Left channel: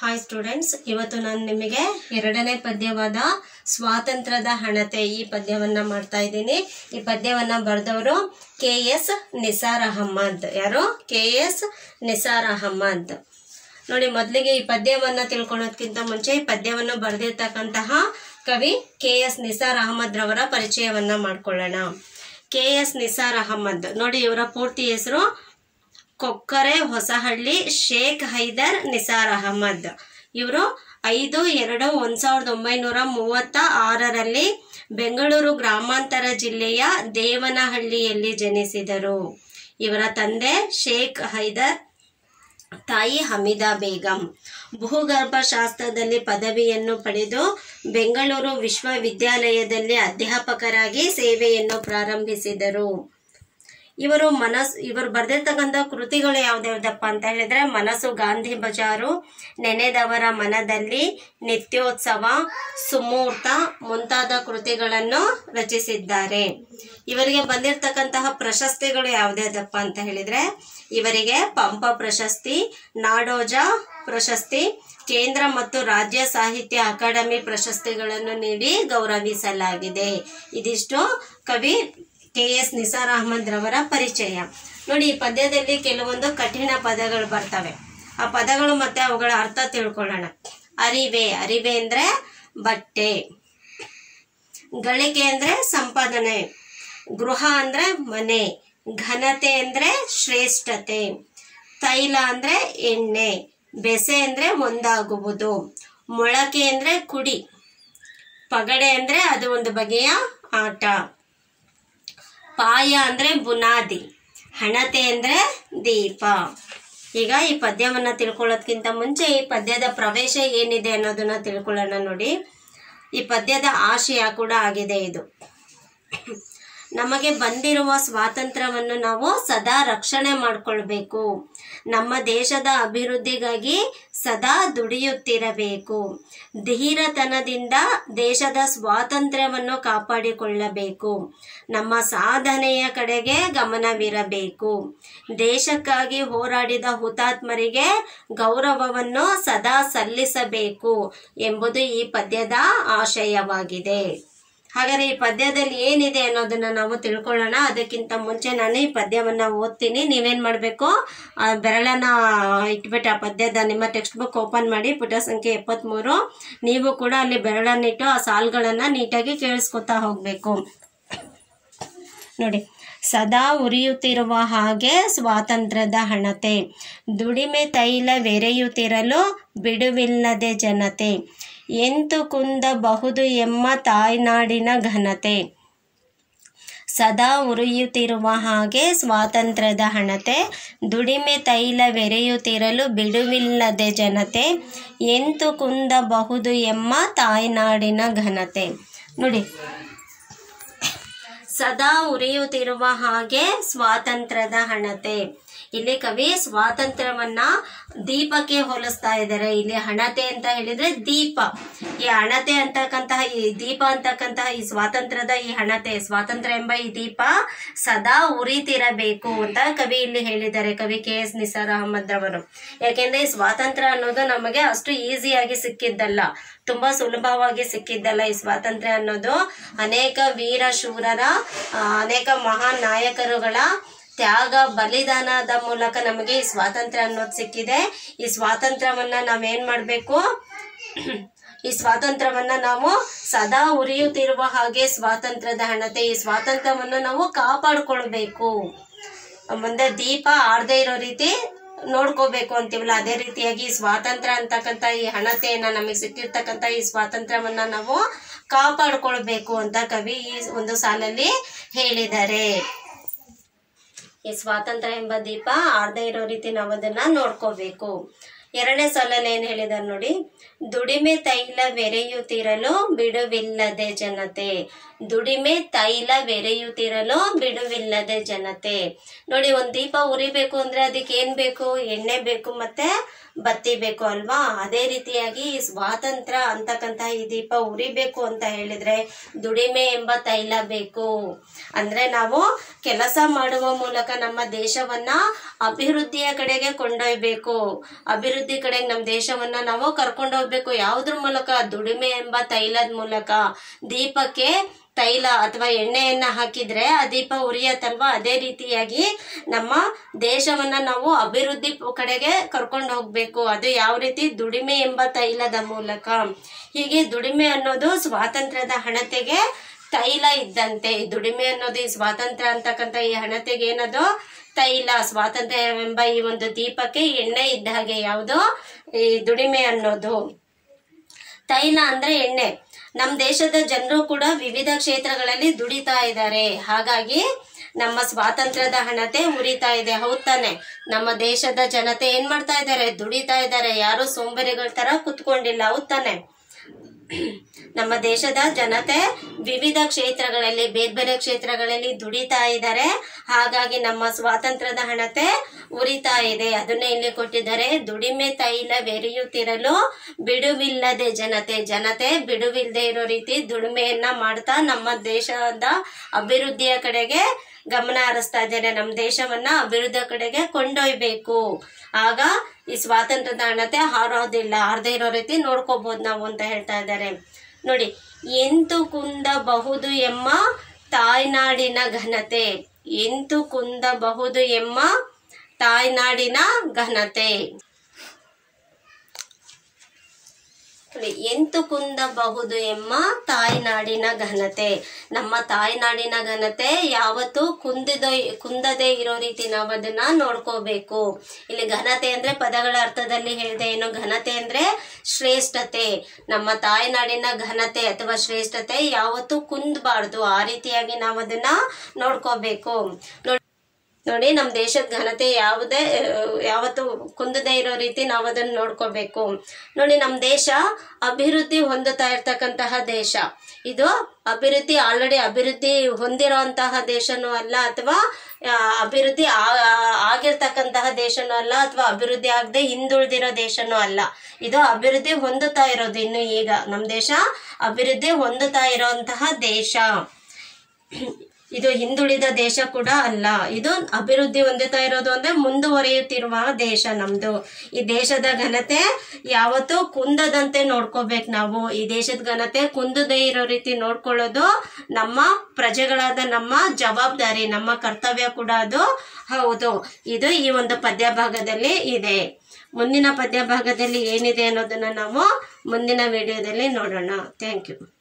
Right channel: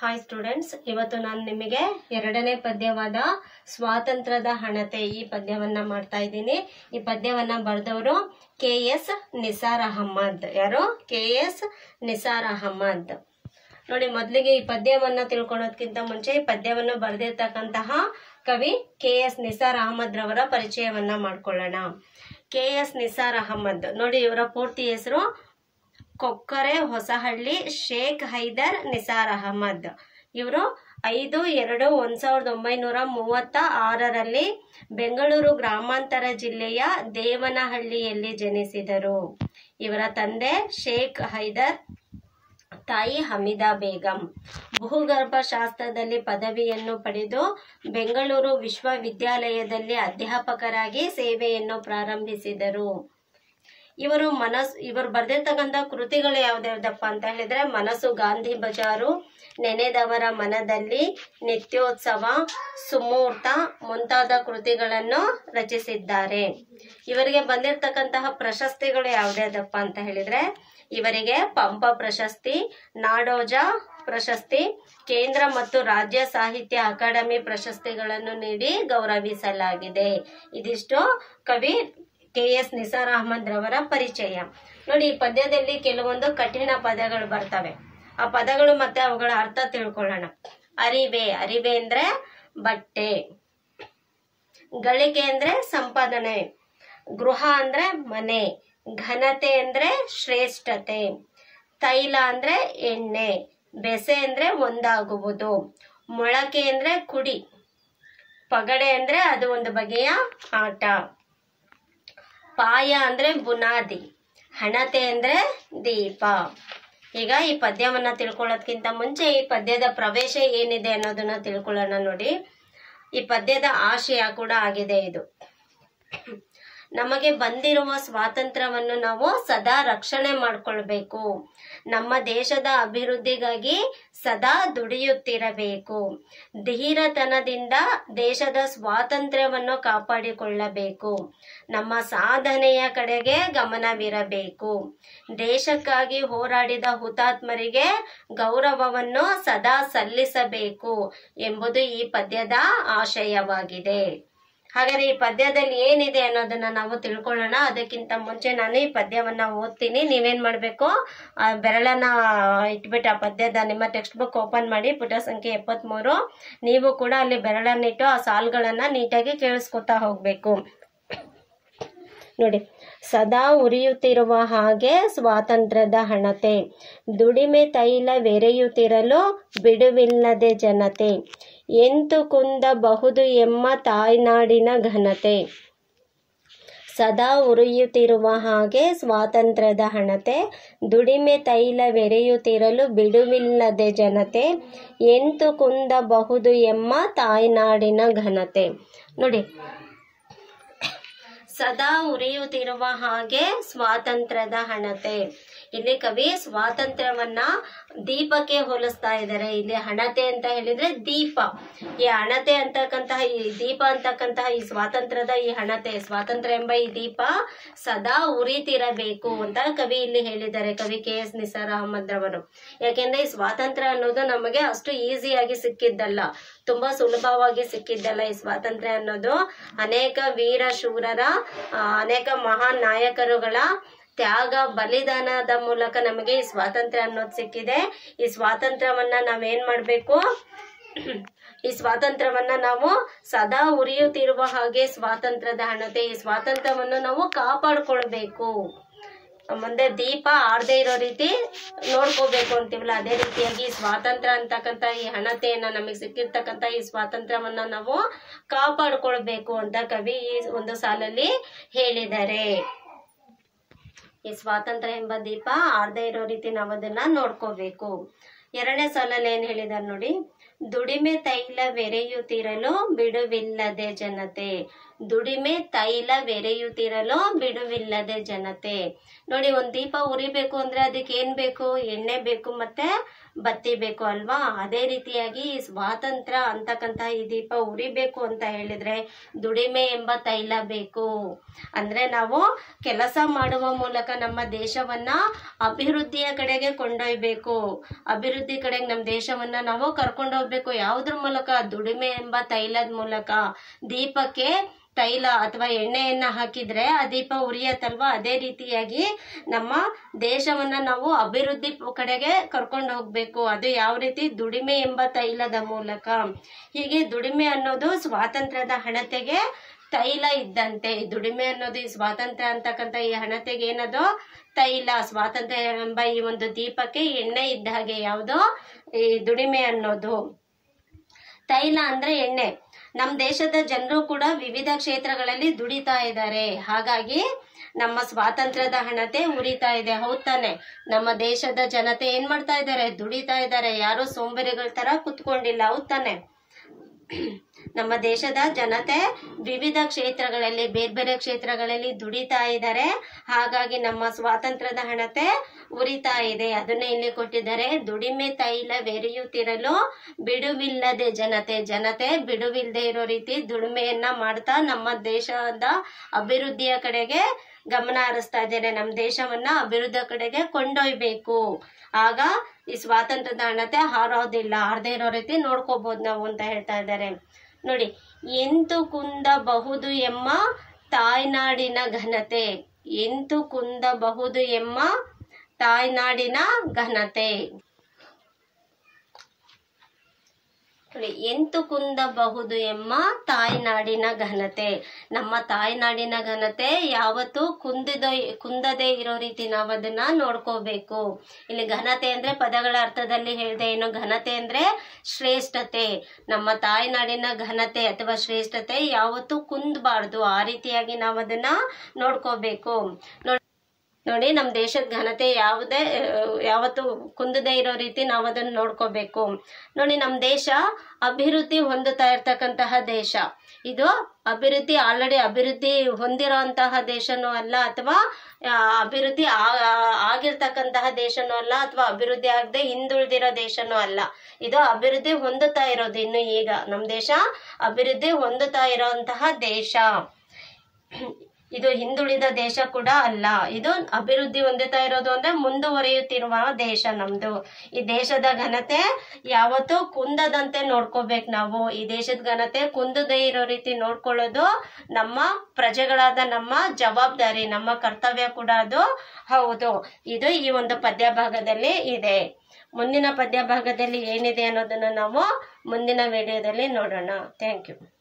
Hi students, ಇವತ್ತು ನಾನು ನಿಮಗೆ ಎರಡನೇ ಪದ್ಯವಾದ ಸ್ವಾತಂತ್ರ್ಯದ ಹಣತೆ ಈ ಪದ್ಯವನ್ನು ಮಾಡ್ತಾ ಇದ್ದೀನಿ. ಈ ಪದ್ಯವನ್ನು ಬರೆದವರು KS ನಿಸಾರ್ ಅಹಮದ್. ಯಾರು? KS ನಿಸಾರ್ ಅಹಮದ್. ನೋಡಿ, ಮೊದಲಿಗೆ ಈ ಪದ್ಯವನ್ನು ತಿಳ್ಕೊಳ್ಳೋದಕ್ಕಿಂತ ಮುಂಚೆ ಈ ಪದ್ಯವನ್ನು ಬರೆದಿರ್ತಕ್ಕಂತಹ ಕವಿ KS ನಿಸಾರ್ ಅಹಮದ್ ರವರ ಪರಿಚಯವನ್ನು ಮಾಡ್ಕೊಳ್ಳೋಣ. KS ನಿಸಾರ್ ಅಹಮದ್ ನೋಡಿ, ಇವರ ಪೂರ್ತಿ ಹೆಸರು ಕೊಕ್ಕರೆ ಹೊಸಹಳ್ಳಿ ಶೇಖ್ ಹೈದರ್ ನಿಸಾರ್ ಅಹಮದ್. ಇವರು 5/2/1936 ಬೆಂಗಳೂರು ಗ್ರಾಮಾಂತರ ಜಿಲ್ಲೆಯ ದೇವನಹಳ್ಳಿಯಲ್ಲಿ ಜನಿಸಿದರು. ಇವರ ತಂದೆ ಶೇಖ್ ಹೈದರ್, ತಾಯಿ ಹಮೀದಾ ಬೇಗಂ. ಭೂಗರ್ಭಶಾಸ್ತ್ರದಲ್ಲಿ ಪದವಿಯನ್ನು ಪಡೆದು ಬೆಂಗಳೂರು ವಿಶ್ವವಿದ್ಯಾಲಯದಲ್ಲಿ ಅಧ್ಯಾಪಕರಾಗಿ ಸೇವೆಯನ್ನು ಪ್ರಾರಂಭಿಸಿದರು. ಇವರು ಬರೆದಿರ್ತಕ್ಕಂಥ ಕೃತಿಗಳು ಯಾವ್ದಾವ್ದಪ್ಪ ಅಂತ ಹೇಳಿದ್ರೆ, ಮನಸ್ಸು ಗಾಂಧಿ ಬಜಾರು, ನೆನೆದವರ ಮನದಲ್ಲಿ, ನಿತ್ಯೋತ್ಸವ, ಸುಮೂರ್ತ ಮುಂತಾದ ಕೃತಿಗಳನ್ನು ರಚಿಸಿದ್ದಾರೆ. ಇವರಿಗೆ ಬಂದಿರತಕ್ಕಂತಹ ಪ್ರಶಸ್ತಿಗಳು ಯಾವ್ದಾವ್ದಪ್ಪ ಅಂತ ಹೇಳಿದ್ರೆ, ಇವರಿಗೆ ಪಂಪ ಪ್ರಶಸ್ತಿ, ನಾಡೋಜ ಪ್ರಶಸ್ತಿ, ಕೇಂದ್ರ ಮತ್ತು ರಾಜ್ಯ ಸಾಹಿತ್ಯ ಅಕಾಡೆಮಿ ಪ್ರಶಸ್ತಿಗಳನ್ನು ನೀಡಿ ಗೌರವಿಸಲಾಗಿದೆ. ಇದಿಷ್ಟು ಕವಿ KS ನಿಸಾರ್ ಅಹಮದ್ ರವರ ಪರಿಚಯ. ನೋಡಿ, ಈ ಪದ್ಯದಲ್ಲಿ ಕೆಲವೊಂದು ಕಠಿಣ ಪದಗಳು ಬರ್ತವೆ. ಆ ಪದಗಳು ಮತ್ತೆ ಅವುಗಳ ಅರ್ಥ ತಿಳ್ಕೊಳ್ಳೋಣ. ಅರಿವೆ ಅಂದ್ರೆ ಬಟ್ಟೆ, ಗಳಿಕೆ ಅಂದ್ರೆ ಸಂಪಾದನೆ, ಗೃಹ ಅಂದ್ರೆ ಮನೆ, ಘನತೆ ಅಂದ್ರೆ ಶ್ರೇಷ್ಠತೆ, ತೈಲ ಅಂದ್ರೆ ಎಣ್ಣೆ, ಬೆಸೆ ಅಂದ್ರೆ ಒಂದಾಗುವುದು, ಮೊಳಕೆ ಅಂದ್ರೆ ಕುಡಿ, ಪಗಡೆ ಅಂದ್ರೆ ಅದು ಒಂದು ಬಗೆಯ ಆಟ, ಪಾಯ ಅಂದ್ರೆ ಬುನಾದಿ, ಹಣತೆ ಅಂದ್ರೆ ದೀಪ. ಈಗ ಈ ಪದ್ಯವನ್ನು ತಿಳ್ಕೊಳ್ಳೋದಕ್ಕಿಂತ ಮುಂಚೆ ಈ ಪದ್ಯದ ಪ್ರವೇಶ ಏನಿದೆ ಅನ್ನೋದನ್ನ ತಿಳ್ಕೊಳ್ಳೋಣ. ನೋಡಿ, ಈ ಪದ್ಯದ ಆಶಯ ಕೂಡ ಆಗಿದೆ ಇದು. ನಮಗೆ ಬಂದಿರುವ ಸ್ವಾತಂತ್ರ್ಯವನ್ನು ನಾವು ಸದಾ ರಕ್ಷಣೆ ಮಾಡಿಕೊಳ್ಬೇಕು. ನಮ್ಮ ದೇಶದ ಅಭಿವೃದ್ಧಿಗಾಗಿ ಸದಾ ದುಡಿಯುತ್ತಿರಬೇಕು. ಧೀರತನದಿಂದ ದೇಶದ ಸ್ವಾತಂತ್ರ್ಯವನ್ನು ಕಾಪಾಡಿಕೊಳ್ಳಬೇಕು. ನಮ್ಮ ಸಾಧನೆಯ ಕಡೆಗೆ ಗಮನವಿರಬೇಕು. ದೇಶಕ್ಕಾಗಿ ಹೋರಾಡಿದ ಹುತಾತ್ಮರಿಗೆ ಗೌರವವನ್ನು ಸದಾ ಸಲ್ಲಿಸಬೇಕು ಎಂಬುದು ಈ ಪದ್ಯದ ಆಶಯವಾಗಿದೆ. ಹಾಗಾದ್ರೆ ಈ ಪದ್ಯದಲ್ಲಿ ಏನಿದೆ ಅನ್ನೋದನ್ನ ನಾವು ತಿಳ್ಕೊಳ್ಳೋಣ. ಅದಕ್ಕಿಂತ ಮುಂಚೆ ನಾನು ಈ ಪದ್ಯವನ್ನ ಓದ್ತೀನಿ. ನೀವೇನ್ ಮಾಡ್ಬೇಕು, ಬೆರಳನ್ನ ಇಟ್ಬಿಟ್ಟು ಆ ಪದ್ಯದ ನಿಮ್ಮ ಟೆಕ್ಸ್ಟ್ ಬುಕ್ ಓಪನ್ ಮಾಡಿ ಪುಟ ಸಂಖ್ಯೆ 73. ನೀವು ಕೂಡ ಅಲ್ಲಿ ಬೆರಳನ್ನಿಟ್ಟು ಆ ಸಾಲುಗಳನ್ನ ನೀಟಾಗಿ ಕೇಳಿಸ್ಕೊತಾ ಹೋಗ್ಬೇಕು. ನೋಡಿ, ಸದಾ ಉರಿಯುತ್ತಿರುವ ಹಾಗೆ ಸ್ವಾತಂತ್ರ್ಯದ ಹಣತೆ, ದುಡಿಮೆ ತೈಲವೆರೆಯುತ್ತಿರಲು ಬಿಡುವಿಲ್ಲದೆ ಜನತೆ, ಎಂತು ಕುಂದಬಹುದು ಎಮ್ಮ ತಾಯ್ನಾಡಿನ ಘನತೆ. ಸದಾ ಉರಿಯುತ್ತಿರುವ ಹಾಗೆ ಸ್ವಾತಂತ್ರ್ಯದ ಹಣತೆ, ದುಡಿಮೆ ತೈಲವೆರೆಯುತ್ತಿರಲು ಬಿಡುವಿಲ್ಲದೆ ಜನತೆ, ಎಂತು ಕುಂದಬಹುದು ಎಮ್ಮ ತಾಯ್ನಾಡಿನ ಘನತೆ. ನೋಡಿ, ಸದಾ ಉರಿಯುತ್ತಿರುವ ಹಾಗೆ ಸ್ವಾತಂತ್ರ್ಯದ ಹಣತೆ. ಇಲ್ಲಿ ಕವಿ ಸ್ವಾತಂತ್ರ್ಯವನ್ನ ದೀಪಕ್ಕೆ ಹೋಲಿಸ್ತಾ ಇದ್ದಾರೆ. ಇಲ್ಲಿ ಹಣತೆ ಅಂತ ಹೇಳಿದ್ರೆ ದೀಪ. ಈ ಹಣತೆ ಅಂತಕ್ಕಂತಹ ಈ ದೀಪ ಅಂತಕ್ಕಂತಹ ಈ ಸ್ವಾತಂತ್ರ್ಯದ ಈ ಹಣತೆ, ಸ್ವಾತಂತ್ರ್ಯ ಎಂಬ ಈ ದೀಪ ಸದಾ ಉರಿತಿರಬೇಕು ಅಂತ ಕವಿ ಇಲ್ಲಿ ಹೇಳಿದ್ದಾರೆ, ಕವಿ KS ನಿಸಾರ್ ಅಹಮದ್ ರವರು. ಯಾಕೆಂದ್ರೆ ಈ ಸ್ವಾತಂತ್ರ್ಯ ಅನ್ನೋದು ನಮಗೆ ಅಷ್ಟು ಈಸಿಯಾಗಿ ಸಿಕ್ಕಿದ್ದಲ್ಲ, ತುಂಬಾ ಸುಲಭವಾಗಿ ಸಿಕ್ಕಿದ್ದಲ್ಲ. ಈ ಸ್ವಾತಂತ್ರ್ಯ ಅನ್ನೋದು ಅನೇಕ ವೀರ ಶೂರರ, ಅನೇಕ ಮಹಾನ್ ನಾಯಕರುಗಳ ತ್ಯಾಗ ಬಲಿದಾನದ ಮೂಲಕ ನಮಗೆ ಈ ಸ್ವಾತಂತ್ರ್ಯ ಅನ್ನೋದು ಸಿಕ್ಕಿದೆ. ಈ ಸ್ವಾತಂತ್ರ್ಯವನ್ನ ನಾವೇನ್ ಮಾಡ್ಬೇಕು, ಈ ಸ್ವಾತಂತ್ರ್ಯವನ್ನ ನಾವು ಸದಾ ಉರಿಯುತ್ತಿರುವ ಹಾಗೆ ಸ್ವಾತಂತ್ರ್ಯದ ಹಣತೆ, ಈ ಸ್ವಾತಂತ್ರ್ಯವನ್ನು ನಾವು ಕಾಪಾಡ್ಕೊಳ್ಬೇಕು. ಮುಂದೆ ದೀಪ ಆರ್ದೇ ಇರೋ ರೀತಿ ನೋಡ್ಕೋಬೇಕು ಅಂತೀವಲ್ಲ, ಅದೇ ರೀತಿಯಾಗಿ ಸ್ವಾತಂತ್ರ್ಯ ಅಂತಕ್ಕಂಥ ಈ ಹಣತೆಯನ್ನ, ನಮಗೆ ಸಿಕ್ಕಿರ್ತಕ್ಕಂಥ ಈ ಸ್ವಾತಂತ್ರ್ಯವನ್ನ ನಾವು ಕಾಪಾಡ್ಕೊಳ್ಬೇಕು ಅಂತ ಕವಿ ಈ ಒಂದು ಸಾಲಲ್ಲಿ ಹೇಳಿದ್ದಾರೆ. ಈ ಸ್ವಾತಂತ್ರ್ಯ ಎಂಬ ದೀಪ ಆರ್ದೇ ಇರೋ ರೀತಿ ನಾವು ಅದನ್ನ ನೋಡ್ಕೋಬೇಕು. ಎರಡನೇ ಸಾಲಲ್ಲಿ ಏನ್ ಹೇಳಿದಾರೆ ನೋಡಿ, ದುಡಿಮೆ ತೈಲವೆರೆಯುತ್ತಿರಲು ಬಿಡುವಿಲ್ಲದೆ ಜನತೆ, ದುಡಿಮೆ ತೈಲವೆರೆಯುತ್ತಿರಲು ಬಿಡುವಿಲ್ಲದೆ ಜನತೆ. ನೋಡಿ, ಒಂದ್ ದೀಪ ಉರಿಬೇಕು ಅಂದ್ರೆ ಅದಕ್ಕೆ ಏನ್ ಬೇಕು, ಎಣ್ಣೆ ಬೇಕು ಮತ್ತೆ ಬತ್ತಿಬೇಕು ಅಲ್ವಾ. ಅದೇ ರೀತಿಯಾಗಿ ಈ ಸ್ವಾತಂತ್ರ್ಯ ಅಂತಕ್ಕಂತಹ ಈ ದೀಪ ಉರಿಬೇಕು ಅಂತ ಹೇಳಿದ್ರೆ ದುಡಿಮೆ ಎಂಬ ತೈಲ ಬೇಕು. ಅಂದ್ರೆ ನಾವು ಕೆಲಸ ಮಾಡುವ ಮೂಲಕ ನಮ್ಮ ದೇಶವನ್ನ ಅಭಿವೃದ್ಧಿಯ ಕಡೆಗೆ ಕೊಂಡೊಯ್ಬೇಕು. ಅಭಿವೃದ್ಧಿ ಕಡೆಗೆ ನಮ್ಮ ದೇಶವನ್ನ ನಾವು ಕರ್ಕೊಂಡು ಹೋಗ್ಬೇಕು. ಯಾವುದ್ರ ಮೂಲಕ? ದುಡಿಮೆ ಎಂಬ ತೈಲದ ಮೂಲಕ. ದೀಪಕ್ಕೆ ತೈಲ ಅಥವಾ ಎಣ್ಣೆಯನ್ನ ಹಾಕಿದ್ರೆ ಆ ದೀಪ ಉರಿಯತ್ತಲ್ವಾ. ಅದೇ ರೀತಿಯಾಗಿ ನಮ್ಮ ದೇಶವನ್ನ ನಾವು ಅಭಿವೃದ್ಧಿ ಕಡೆಗೆ ಕರ್ಕೊಂಡು ಹೋಗ್ಬೇಕು. ಅದು ಯಾವ ರೀತಿ? ದುಡಿಮೆ ಎಂಬ ತೈಲದ ಮೂಲಕ. ಹೀಗೆ ದುಡಿಮೆ ಅನ್ನೋದು ಸ್ವಾತಂತ್ರ್ಯದ ಹಣತೆಗೆ ತೈಲ ಇದ್ದಂತೆ. ಈ ದುಡಿಮೆ ಅನ್ನೋದು ಈ ಸ್ವಾತಂತ್ರ್ಯ ಅಂತಕ್ಕಂಥ ಈ ಹಣತೆಗೆ ಏನದು? ತೈಲ. ಸ್ವಾತಂತ್ರ್ಯ ಎಂಬ ಈ ಒಂದು ದೀಪಕ್ಕೆ ಎಣ್ಣೆ ಇದ್ದ ಹಾಗೆ. ಯಾವುದು? ಈ ದುಡಿಮೆ ಅನ್ನೋದು. ತೈಲ ಅಂದ್ರೆ ಎಣ್ಣೆ. ನಮ್ಮ ದೇಶದ ಜನರು ಕೂಡ ವಿವಿಧ ಕ್ಷೇತ್ರಗಳಲ್ಲಿ ದುಡಿತಾ ಇದ್ದಾರೆ. ಹಾಗಾಗಿ ನಮ್ಮ ಸ್ವಾತಂತ್ರ್ಯದ ಹಣತೆ ಉರಿತಾ ಇದೆ. ಹೌದ್ ತಾನೆ? ನಮ್ಮ ದೇಶದ ಜನತೆ ಏನ್ ಮಾಡ್ತಾ ಇದ್ದಾರೆ? ದುಡಿತಾ ಇದ್ದಾರೆ. ಯಾರು ಸೋಂಬೇರಿಗಳ ತರ ಕುತ್ಕೊಂಡಿಲ್ಲ. ಹೌದ್ ತಾನೆ? ನಮ್ಮ ದೇಶದ ಜನತೆ ವಿವಿಧ ಕ್ಷೇತ್ರಗಳಲ್ಲಿ, ಬೇರೆ ಬೇರೆ ಕ್ಷೇತ್ರಗಳಲ್ಲಿ ದುಡಿತಾ ಇದ್ದಾರೆ. ಹಾಗಾಗಿ ನಮ್ಮ ಸ್ವಾತಂತ್ರ್ಯದ ಹಣತೆ ಉರಿತಾ ಇದೆ. ಅದನ್ನೇ ಇಲ್ಲಿ ಕೊಟ್ಟಿದ್ದಾರೆ. ದುಡಿಮೆ ತೈಲವೆರಿಯುತ್ತಿರಲು ಬಿಡುವಿಲ್ಲದೆ ಜನತೆ ಬಿಡುವಿಲ್ಲದೆ ಇರೋ ರೀತಿ ದುಡಿಮೆಯನ್ನ ಮಾಡ್ತಾ ನಮ್ಮ ದೇಶದ ಅಭಿವೃದ್ಧಿಯ ಕಡೆಗೆ ಗಮನ ಹರಿಸ್ತಾ ಇದ್ದಾರೆ. ನಮ್ಮ ದೇಶವನ್ನ ಅಭಿವೃದ್ಧಿ ಕಡೆಗೆ ಕೊಂಡೊಯ್ಬೇಕು. ಆಗ ಈ ಸ್ವಾತಂತ್ರ್ಯದ ಹಣತೆ ಹಾರೋದಿಲ್ಲ. ಹಾರದೇ ಇರೋ ರೀತಿ ನೋಡ್ಕೋಬಹುದು ನಾವು ಅಂತ ಹೇಳ್ತಾ ಇದ್ದಾರೆ. ನೋಡಿ, ಎಂತು ಕುಂದಬಹುದು ಎಂಬ ತಾಯ್ನಾಡಿನ ಘನತೆ. ಎಂತು ಕುಂದಬಹುದು ಎಂಬ ತಾಯ್ನಾಡಿನ ಘನತೆ. ಎಂತು ಕುಂದಬಹುದು ಎಂಬ ತಾಯ್ನಾಡಿನ ಘನತೆ. ನಮ್ಮ ತಾಯ್ನಾಡಿನ ಘನತೆ ಯಾವತ್ತು ಕುಂದದೇ ಇರೋ ರೀತಿ ನಾವು ಅದನ್ನ ನೋಡ್ಕೋಬೇಕು. ಇಲ್ಲಿ ಘನತೆ ಅಂದ್ರೆ ಪದಗಳ ಅರ್ಥದಲ್ಲಿ ಹೇಳಿದೆ. ಏನು? ಘನತೆ ಅಂದ್ರೆ ಶ್ರೇಷ್ಠತೆ. ನಮ್ಮ ತಾಯ್ನಾಡಿನ ಘನತೆ ಅಥವಾ ಶ್ರೇಷ್ಠತೆ ಯಾವತ್ತು ಕುಂದಬಾರ್ದು. ಆ ರೀತಿಯಾಗಿ ನಾವು ಅದನ್ನ ನೋಡ್ಕೋಬೇಕು. ನೋಡಿ, ನಮ್ಮ ದೇಶದ ಘನತೆ ಯಾವತ್ತು ಕುಂದದೇ ಇರೋ ರೀತಿ ನಾವು ಅದನ್ನ ನೋಡ್ಕೋಬೇಕು. ನೋಡಿ, ನಮ್ಮ ದೇಶ ಅಭಿವೃದ್ಧಿ ಹೊಂದುತ್ತಾ ಇರ್ತಕ್ಕಂತಹ ದೇಶ. ಇದು ಆಲ್ರೆಡಿ ಅಭಿವೃದ್ಧಿ ಹೊಂದಿರೋಂತಹ ದೇಶನೂ ಅಲ್ಲ, ಅಥವಾ ಅಭಿವೃದ್ಧಿ ಆಗಿರ್ತಕ್ಕಂತಹ ದೇಶನೂ ಅಲ್ಲ, ಅಥವಾ ಅಭಿವೃದ್ಧಿ ಆಗದೆ ಹಿಂದುಳಿದಿರೋ ದೇಶನೂ ಅಲ್ಲ. ಇದು ಅಭಿವೃದ್ಧಿ ಹೊಂದುತ್ತಾ ಇರೋದು. ಇನ್ನು ಈಗ ನಮ್ಮ ದೇಶ ಅಭಿವೃದ್ಧಿ ಹೊಂದುತ್ತಾ ಇರೋಂತಹ ದೇಶ. ಇದು ಹಿಂದುಳಿದ ದೇಶ ಕೂಡ ಅಲ್ಲ. ಇದು ಅಭಿವೃದ್ಧಿ ಹೊಂದುತ್ತಾ ಇರೋದು ಅಂದ್ರೆ ಮುಂದುವರಿಯುತ್ತಿರುವ ದೇಶ ನಮ್ದು. ಈ ದೇಶದ ಘನತೆ ಯಾವತ್ತೂ ಕುಂದದಂತೆ ನೋಡ್ಕೋಬೇಕು ನಾವು. ಈ ದೇಶದ ಘನತೆ ಕುಂದದೇ ಇರೋ ರೀತಿ ನೋಡ್ಕೊಳ್ಳೋದು ನಮ್ಮ ಪ್ರಜೆಗಳಾದ ನಮ್ಮ ಜವಾಬ್ದಾರಿ, ನಮ್ಮ ಕರ್ತವ್ಯ ಕೂಡ ಅದು ಹೌದು. ಇದು ಈ ಒಂದು ಪದ್ಯ ಭಾಗದಲ್ಲಿ ಇದೆ. ಮುಂದಿನ ಪದ್ಯ ಭಾಗದಲ್ಲಿ ಏನಿದೆ ಅನ್ನೋದನ್ನ ನಾವು ಮುಂದಿನ ವಿಡಿಯೋದಲ್ಲಿ ನೋಡೋಣ. Thank you.